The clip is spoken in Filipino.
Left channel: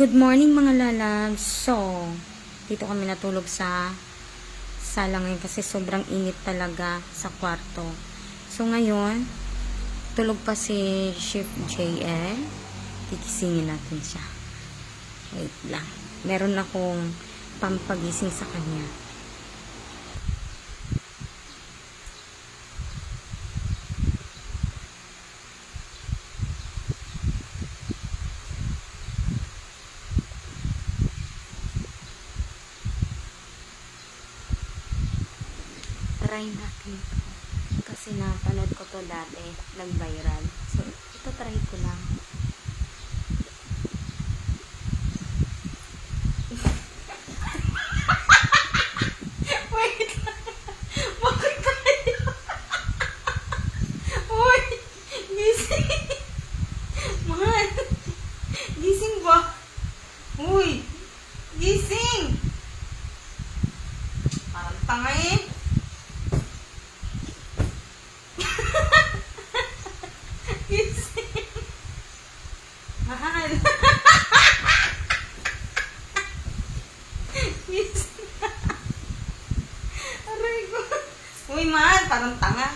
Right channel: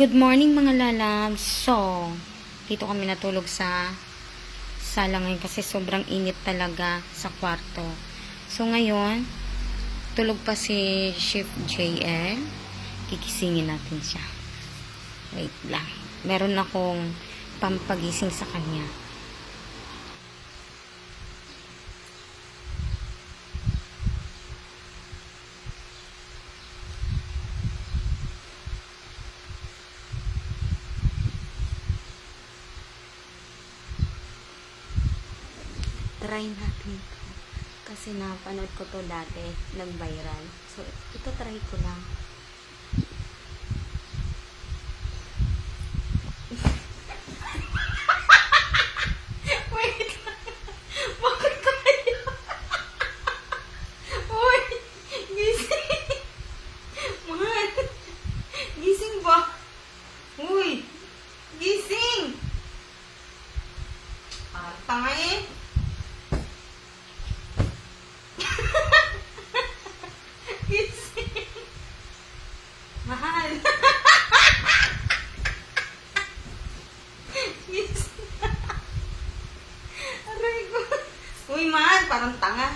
Good morning mga lalabs. So, dito kami natulog sa sala ngayon kasi sobrang init talaga sa kwarto. So, ngayon, tulog pa si Chef JL. Kikisingin natin siya. Wait lang. Meron akong pampagising sa kanya. Try natin to. Kasi napanood ko to dati, nag-viral. So, ito try ko lang. Wait! Bakit tayo? Uy! Gising! Man! Gising ba? Uy! Gising! Parang tanga eh. Mahal. Aray ko. Uy, mahal. Parang tanga.